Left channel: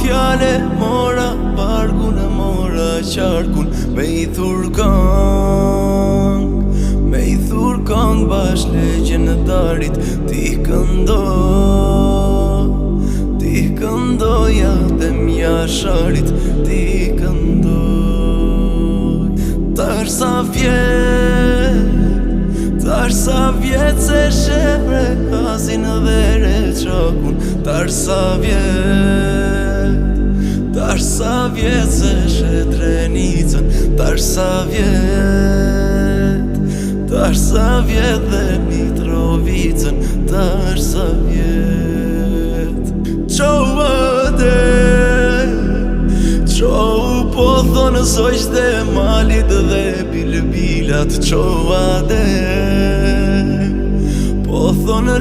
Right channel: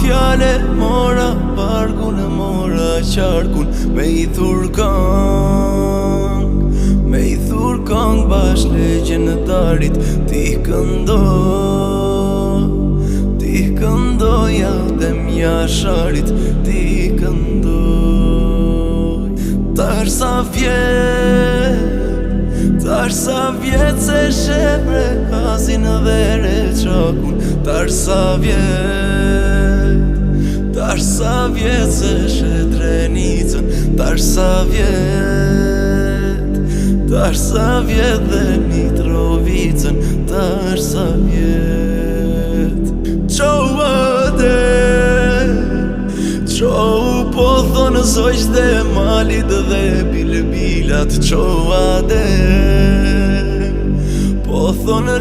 fjale, mora bargun e mora qarkun. Me I thur kang bash legjenddarit. Ti këndoja dhe mjasharit. Ti këndoj. Tash sa vjet se shepre kazin dhe reçakun. Tash sa vjet se shetrenicën. Tash sa vjet dhe Mitrovicën. Tash sa vjet. Qo po thonë zojsh dhe malit dhe bilbilat. Qo adem po thonë